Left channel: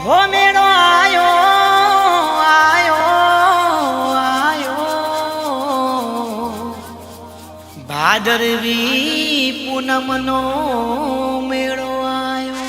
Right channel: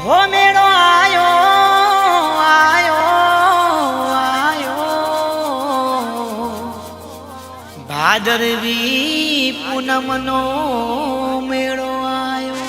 હો મેળો આયો આયો આયો ભાદરવી પૂનમનો મેળો આયો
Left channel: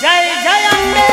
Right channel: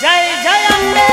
જય જય અંબે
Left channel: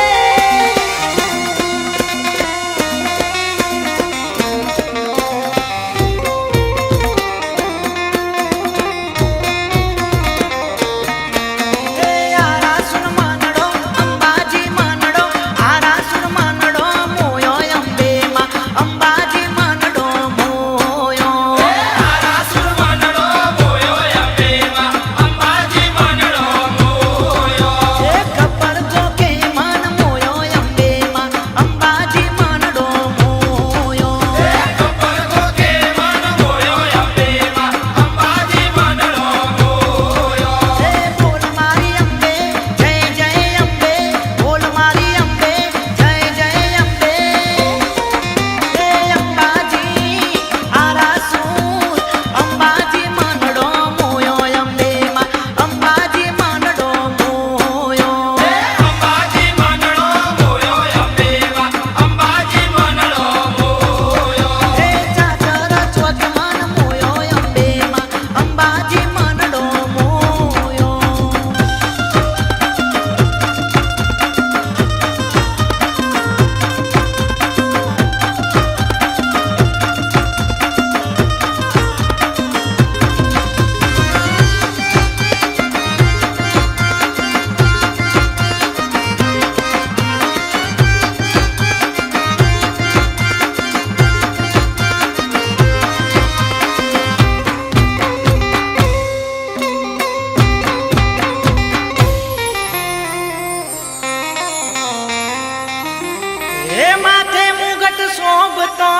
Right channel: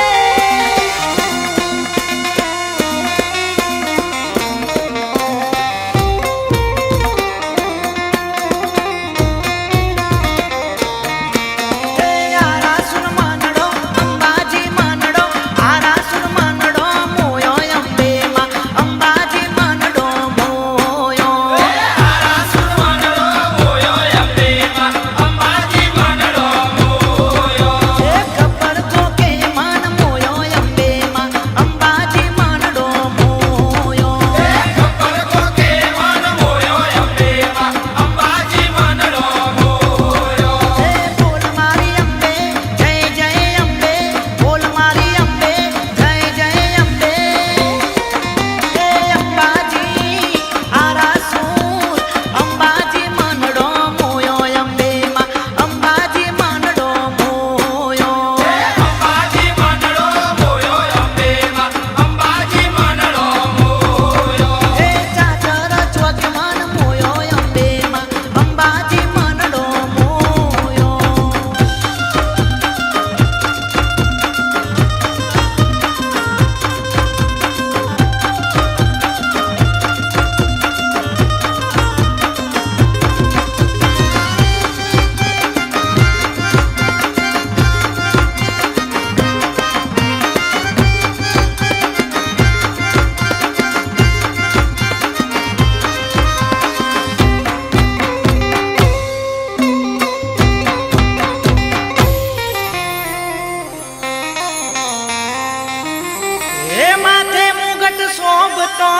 શોભતો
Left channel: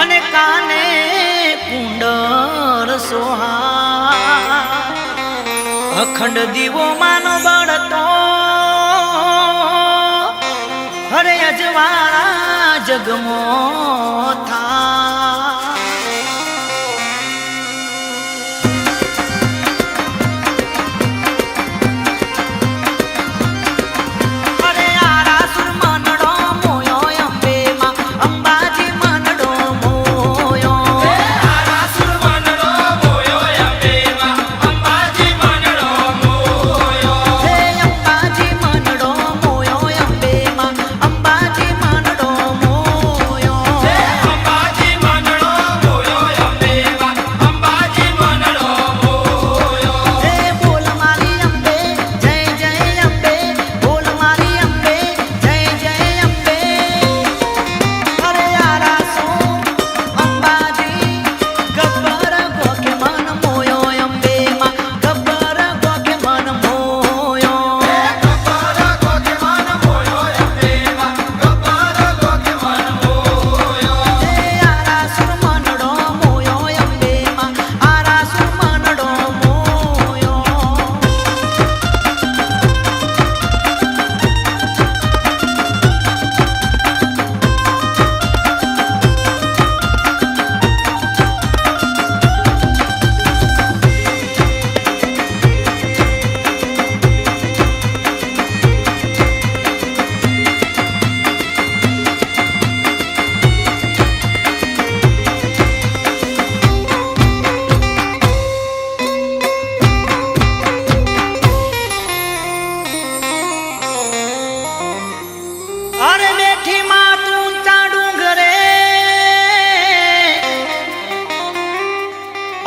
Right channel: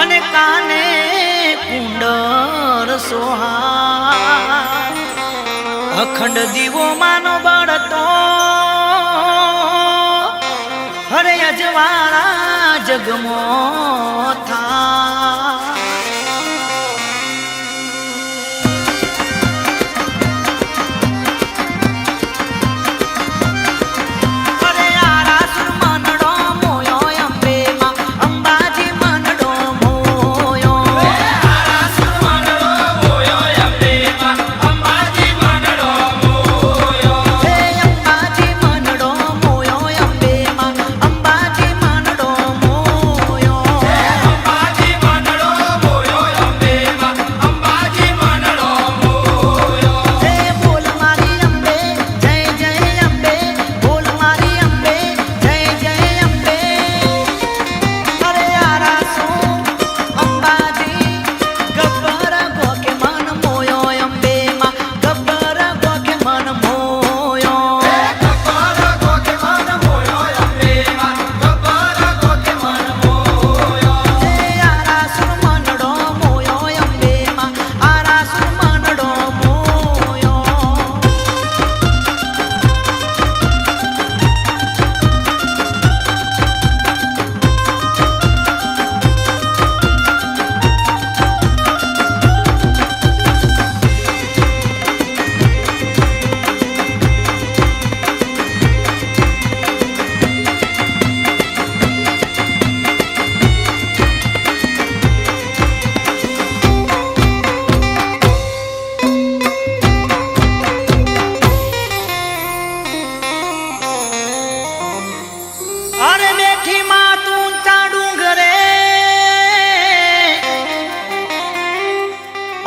અને કાને કુંડર સોહા અખંડ દીવો માનો બળતો હરે અજવાળા જગમો થા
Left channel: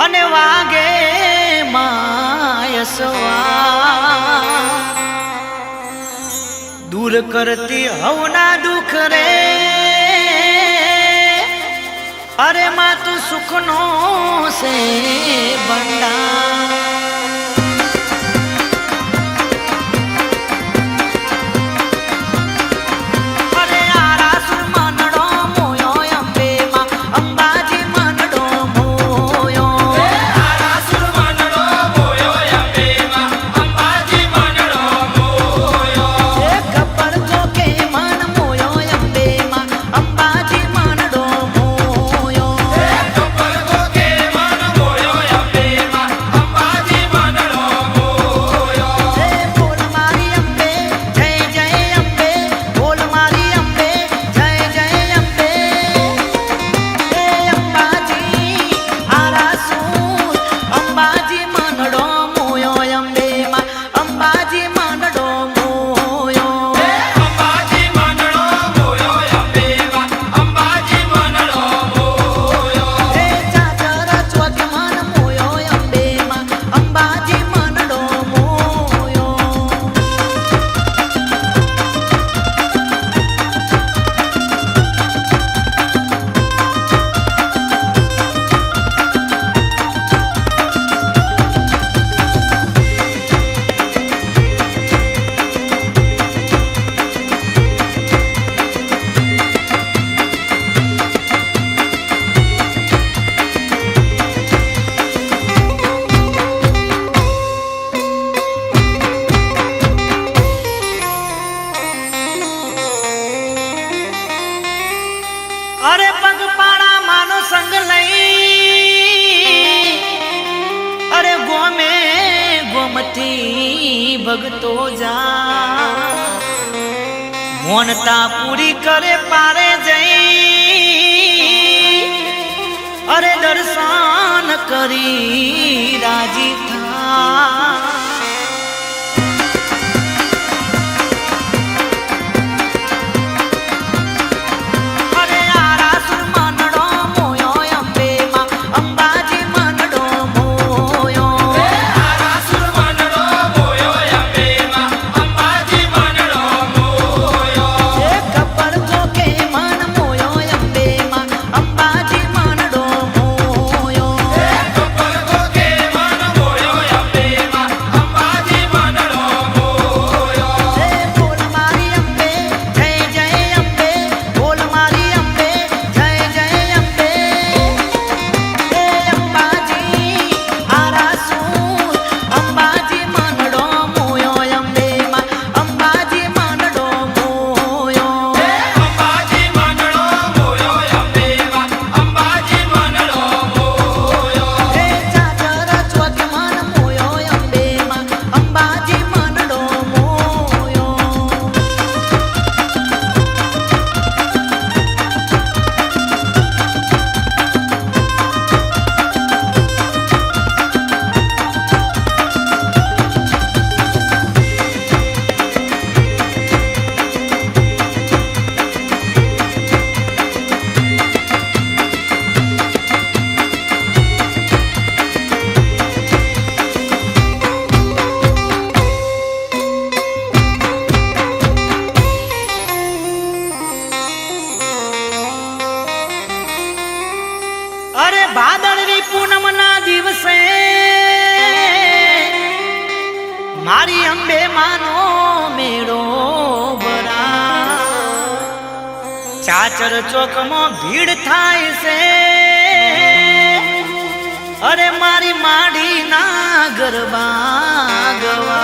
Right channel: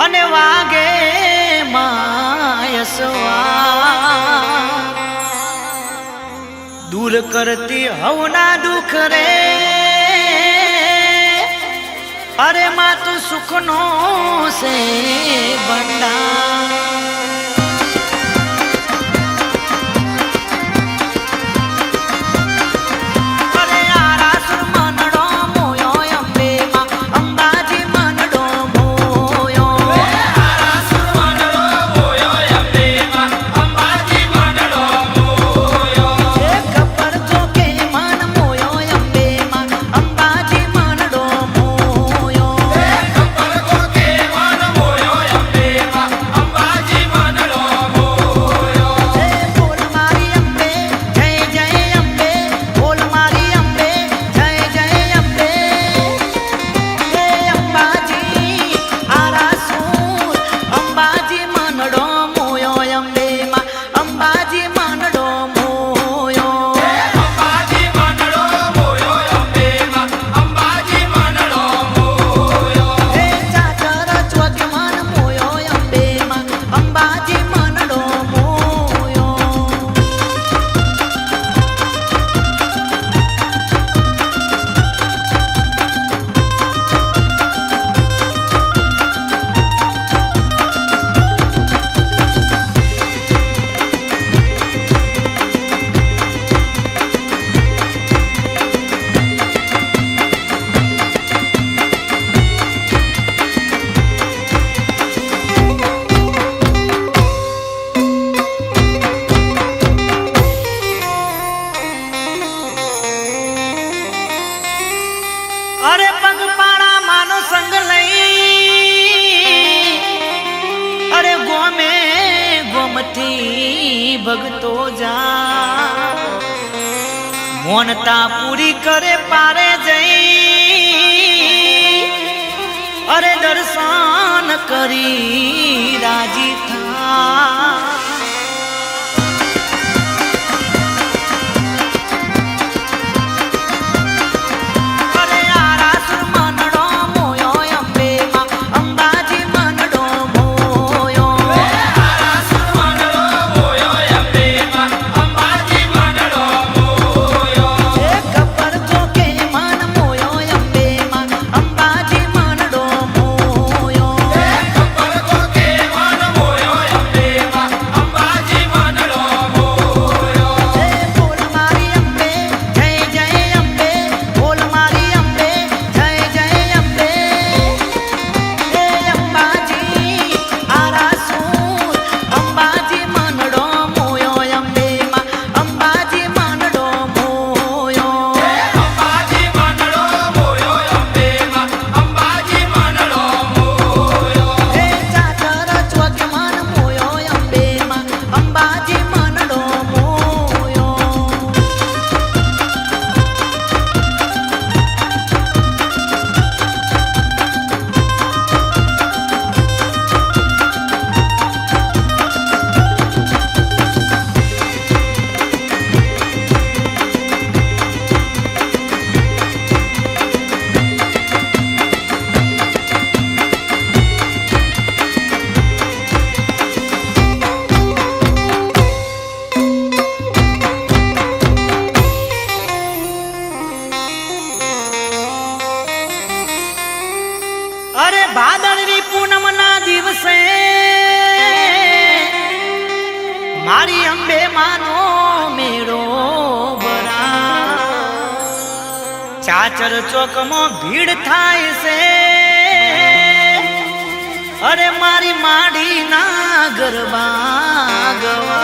અને વાગે માયસવા દૂર કરતી હવના દુઃખ રે અરે માં તું સુખનો સે બંડા અંબાજી માનડો મોયો અંબાજી મંડળો મોયો અંબેમાં અંબાજી મંડળો મોયો હે ચાચર ચોક મન મોયો અંબેમાં અંબાજી માનડો મોયો અરે પગપાળા માનો સંગ લઈ અરે ગોમે ગોમથી ભગતો જા મોનતા પૂરી કરે પારે જઈ અરે દર્શન કરી રાજી થા અંબાજી મંડળો મોયો આરાસુર મંડળો મોયો અંબેમાં અંબાજી મંડળો મોયો એ કપર ગોકે મન મોયો અંબેમાં અંબાજી મંડળો મોયો કપલ ગોકે મન મોયો અંબેમાં અંબાજી મંડળો મોયો એ બોલ મારી અંબે જય જય અંબે બોલ મારી અંબે જય જય અંબે એ અંબાજી આરાસુર અંબાજી મંડળો મોયો અંબેમાં અંબાજી મંડળો મોયો અંબાજી મંડળો મોયો અંબેમાં અંબાજી મંડળો મોયો હે ચાચર ચોક મન મોયો અંબેમાં અંબાજી મંડળો મોયો અરે ભાદરવી પૂનમ ના દિવસે મારી અંબે માનો મેળો ભરા ચાચર ચોકમાં ભીડ થાય છે અરે મારી માડી ના ગરબા ગવા